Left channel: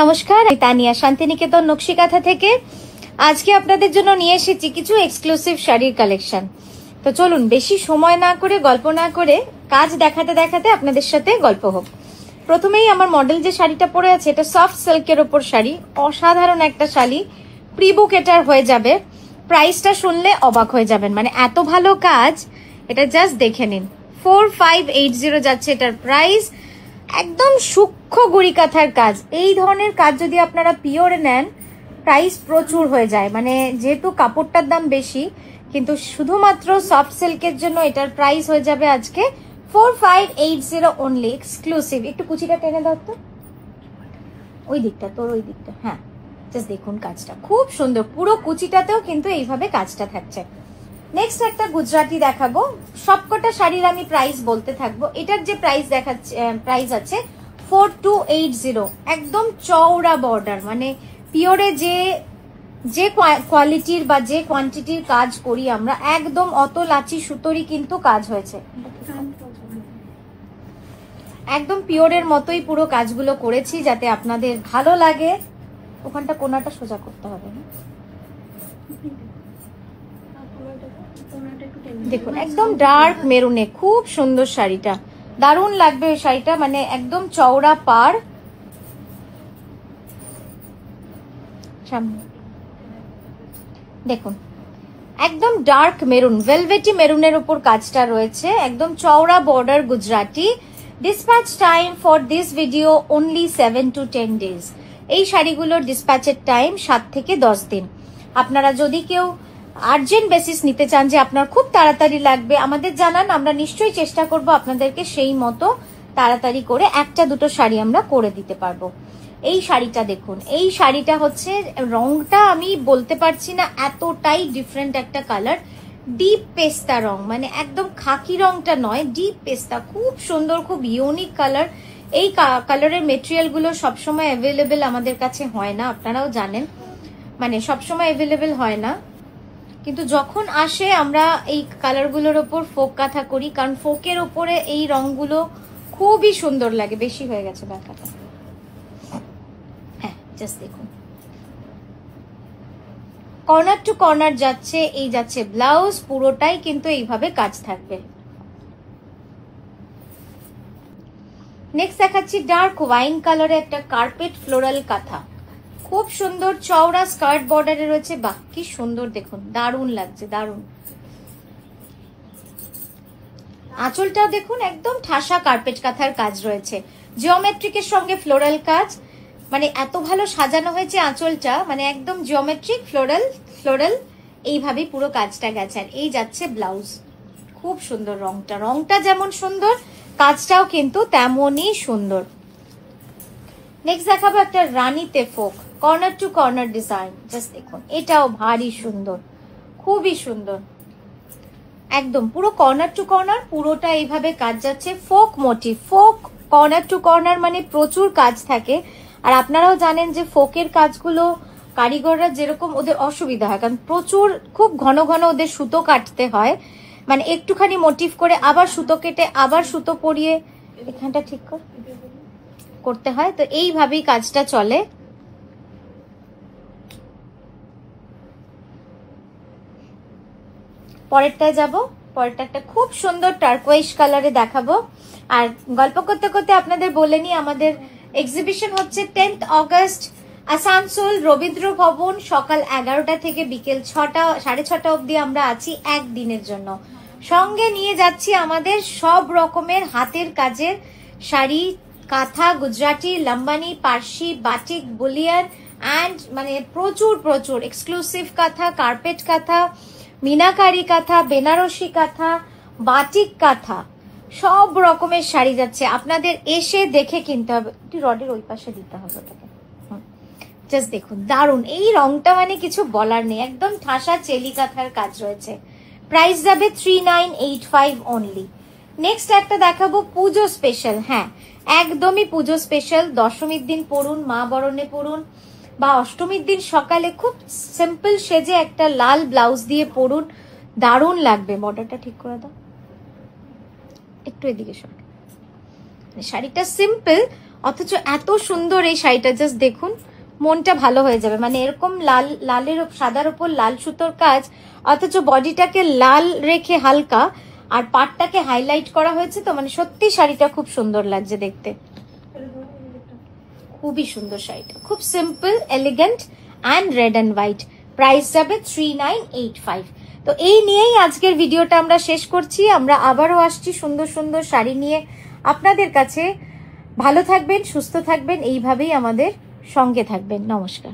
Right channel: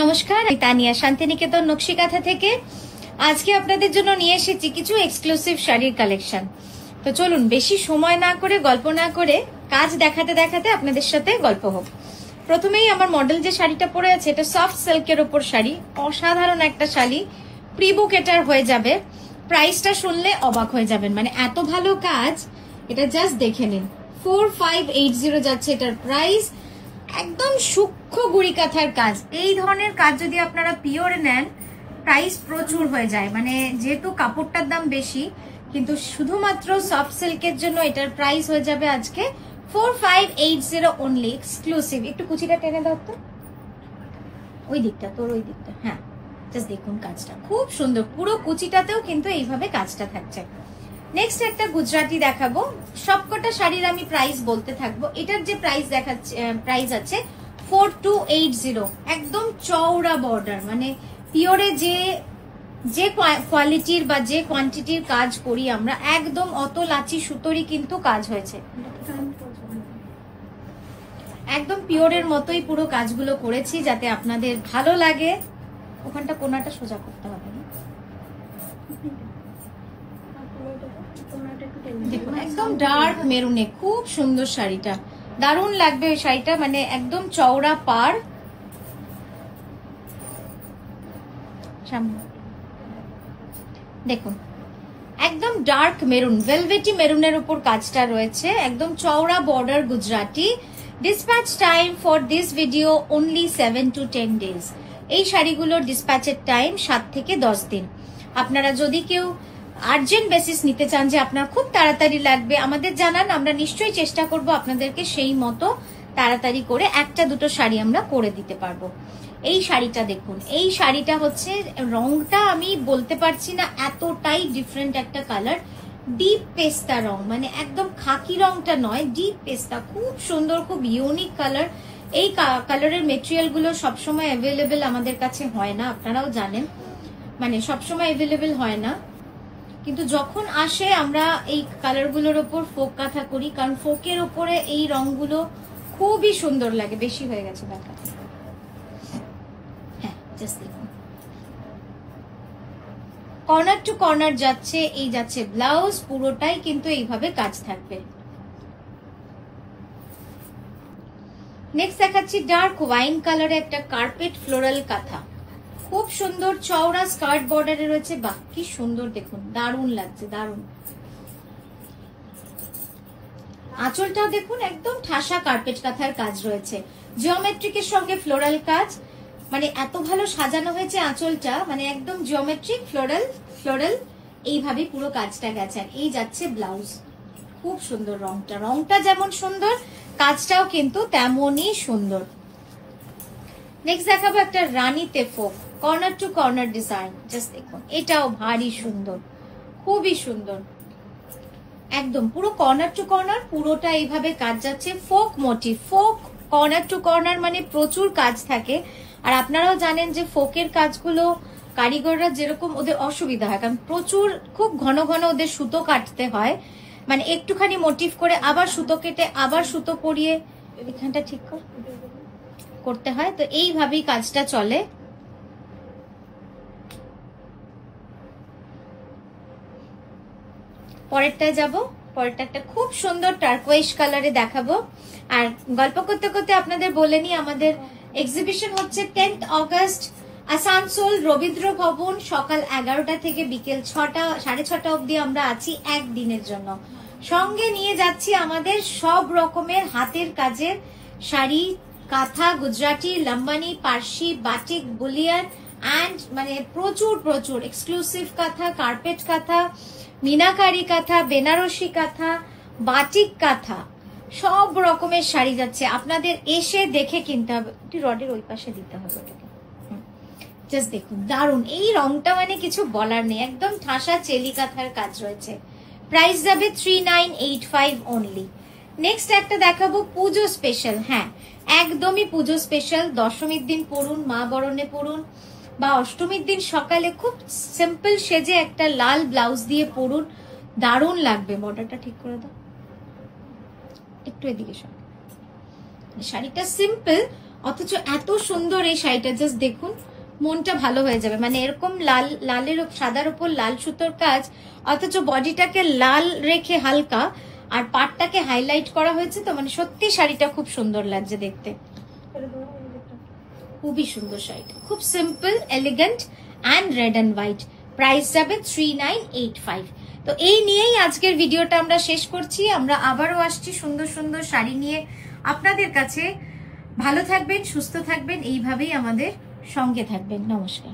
নমস্কার, আমি তানিয়া শান্তিনিকেতন নকশিকাঁথা থেকে। আজকে আপনাদের জন্য নিয়ে এসেছি কিছু এক্সক্লুসিভ শাড়ির কালেকশন। তো চলুন বেশি সময় না করে, গল্প না করে, কাজ দেখাতে দেখাতে আপনাদের সাথে গল্প হোক। প্রথমেই আমার মডেল যে শাড়িটা পরে আছে, এটা সফট সিল্কের ওপর শাড়ি, অসাধারণ একটা শাড়ি, প্রি বুক এটার হয়ে যাবে। প্রাইসটা শুনলে অবাক হয়ে যাবেন, মানে এত ভালো কাজ, এটা জাস্ট দেখে নিন। 4580 যাচ্ছে এটার প্রাইস। একদম সূক্ষ্ম গুড়ি কাঁথার কাজ। এই ধরনের কাজ যদি আপনারা পিওরে নেন, প্রাইস প্রচুর হয়ে যায়। মানে যেহেতু কাপড়টার দাম বেশি, কিন্তু শুধুমাত্র সফট সিল্কের জন্য এটার প্রাইস হয়ে যাবে আজকে 4580 অনলি, এক্সক্লুসিভ। একটু কুচিটা টেনে দাও তো, ওই দিকটা, তোর ওই দিকটা। হ্যাঁ, জাস্ট দেখুন কাজটা খুব সুন্দর, পুরো কুচিটাতেও কিন্তু এইভাবে কাজটা থাকছে। নেক্সট একটা গুজরাটি দেখাবো। সবকটা শাড়ির আমি প্রাইস বলতে থাকবো। এটার যে প্রাইস দেখাচ্ছে, প্রাইস আছে 4280। একদম চওড়া বর্ডার, মানে পিওরে যে কোয়ালিটির বা যে কোয়ান্টিটির কাজ করি আমরা, একদম অত লাচি সুতোরই কিন্তু কাজ হয়েছে। একদম পিওরের মতোই পুরো কাজগুলো করেছি, যাতে আপনাদের ভালো লাগে। ওখানটা কোনাটা সোজা করতে হবে। দেখুন একদম ডার্ক মেরুনে খুব সুন্দর শাড়িটা, দারুণ লাগবে এই শাড়িটা। মানে একদম চওড়া পার, দেখুন একদম ডার্ক মেরুন, ভেলভেটি মেরুনের উপর কাজটা রয়েছে। একদম চওড়া border Gujarati. Dispatch time for this video only 7 to 10 days। এই শাড়িগুলোর ডিসপ্যাচের টাইম 7 থেকে 10 দিন। আপনারা যদি কেউ আর্জেন্ট বেসিস নিতে চান, যে আপনার খুব তাড়াতাড়ি লাগবে, আমাদের জানান, আমরা নিশ্চয়ই চেষ্টা করব আপনাদেরকে সেই মতো তাড়াতাড়ি করে একটা দুটো শাড়ি আমরা করে দিতে পারবো। এই শাড়িটা দেখুন, এই শাড়িটা হচ্ছে, রংটা আমি বলতে পারছি না, এতটাই ডিফারেন্ট একটা কালার। ডিপ পেস্তা রং, মানে একদম খাকি রংটা নয়, ডিপ পেস্তা, খুব সুন্দর, খুব ইউনিক কালার। এই কালারের মেটেরিয়াল গুলো সবসময় অ্যাভেলেবেল আমাদের কাছে হয় না, আপনারাও জানেন, মানে সবসময় অ্যাভেলেবেল হয় না। কিন্তু যখন আসে আমরা এই কালার গুলোর ওপর ফোক কাঁথা করি, কারণ ফোকের ওপরে এই রংগুলো খুবই সুন্দর লাগে। বেশি হয়ে গেছে দেখা। হ্যাঁ, জাস্ট দেখুন, কর্নার টু কর্নার যাচ্ছে। এই যাচ্ছে ব্লাউজ, পুরোটাই কিন্তু এইভাবে কাজ থাকবে। নেক্সট দেখাচ্ছি ডার্ক ওয়াইন কালারে একটা কার্পেট ফ্লোরাল কাঁথা, খুব সুন্দর চওড়া স্কার্ট বর্ডারে রয়েছে। বাহ, কি সুন্দর, দেখুন দারুণ লাগছে, দারুণ। আঁচলটাও দেখুন, একদম ঠাসা কার্পেট কাঁথার কাজ রয়েছে, জিওমেট্রিকের সঙ্গে ফ্লোরাল কাজ। মানে এত ভালো সাজানো হয়েছে আঁচলটা, মানে একদম জিওমেট্রিক ফ্লোরাল এইভাবে পুরো কাজটা গেছে। আর এই যাচ্ছে ব্লাউজ, খুব সুন্দর রংটা, রংটা যেমন সুন্দর, কাজটাও কিন্তু তেমনই সুন্দর। নেক্সট দেখাবো একটা রানীতে folk, corner to corner design. Just দেখুন, এটাও ভারী সুন্দর, খুবই সুন্দর। একদম পুরো কর্নার টু কর্নার পুরোটা এইভাবে কাজ যাচ্ছে। Folk motif, folk corner to corner মানে প্রচুর কাজ থাকে। আর আপনারাও জানেন যে ফোকের কাজগুলো কারিগররা যেরকম, ওদের অসুবিধা হয়, কারণ প্রচুর, খুব ঘন ঘন ওদের সুতো কাটতে হয়। মানে একটুখানি মোটিভ করে আবার সুতো কেটে আবার সুতো পরিয়ে এখানটা ঠিক করতে হয়। তো এইভাবেই কাজটা চলে। পরেরটায় যাব। পরেরটা একটা খুব সুন্দর টার্কোয়েজ কালারে দেখাবো। আর গল্প করতে করতে আপনাদের বলে নি, আমাদের এক্সিবিশন হচ্ছে 10th অগস্ট, আসানসোল রবীন্দ্র ভবন, সকাল 11টা থেকে বিকেল 6টা অবধি আমরা আছি একদিনের জন্য। সঙ্গে নিয়ে যাচ্ছি আমাদের সব রকমের হাতের কাজের শাড়ি, কাঁথা, গুজরাটি, লম্বানি, পার্সি, বাটিক, বুলিয়ান অ্যান্ড মানে প্রচুর এক্সক্লুসিভ কাঁথা, কার্পেট কাঁথা, মিনাকারি কাঁথা, বেনারসি কাঁথা, বাটিক কাঁথা, সব রকমের শাড়ি যাচ্ছে। আপনাদের এসে দেখে কিনতে হবে। রডের ওই পাশে দিতে হবে। জাস্ট দেখুন, দারুণ এই রংটা, মানে কিছু বলার নেই, একদম ঠাসা চেলি কাঁথার কাজ রয়েছে। প্রাইস যাবে 3985 অনলি। নেক্সট একটা দেখাবো পুজো স্পেশাল। হ্যাঁ, একদমই পুজো স্পেশাল। দশমীর দিন পরুন, মা বরণে পরুন, বা অষ্টমীর দিন সকালে খুব সিম্পল সেজে একটা লাল ব্লাউজ দিয়ে পরুন, দারুণ লাগবে। বর্ডারটা ঠিক করে দাও একটু, এদিকে শোন। শাড়িটা সিম্পল, অথচ এত সুন্দর এই শাড়িটা, জাস্ট দেখুন, মনটা ভালো হয়ে যাবে। মানে এরকম লালের সাদার উপর লাল সুতোর কাজ, অথচ বডিটাকে লাল রেখে হালকা, আর পাটটাকে হাইলাইট করা হয়েছে। তো মানে সত্যি শাড়িটা খুব সুন্দর লাগছে দেখতে, খুবই সুন্দর শাড়িটা, খুব simple, elegant and red and white. Price যাবে 3985। তো এই নিয়েই আজকের ভিডিওটা আমরা শেষ করছি। আমরা আবারও আসছি সুন্দর সুন্দর শাড়ি নিয়ে আপনাদের কাছে। ভালো থাকবেন, সুস্থ থাকবেন, এইভাবেই আমাদের সঙ্গে থাকবেন। নমস্কার।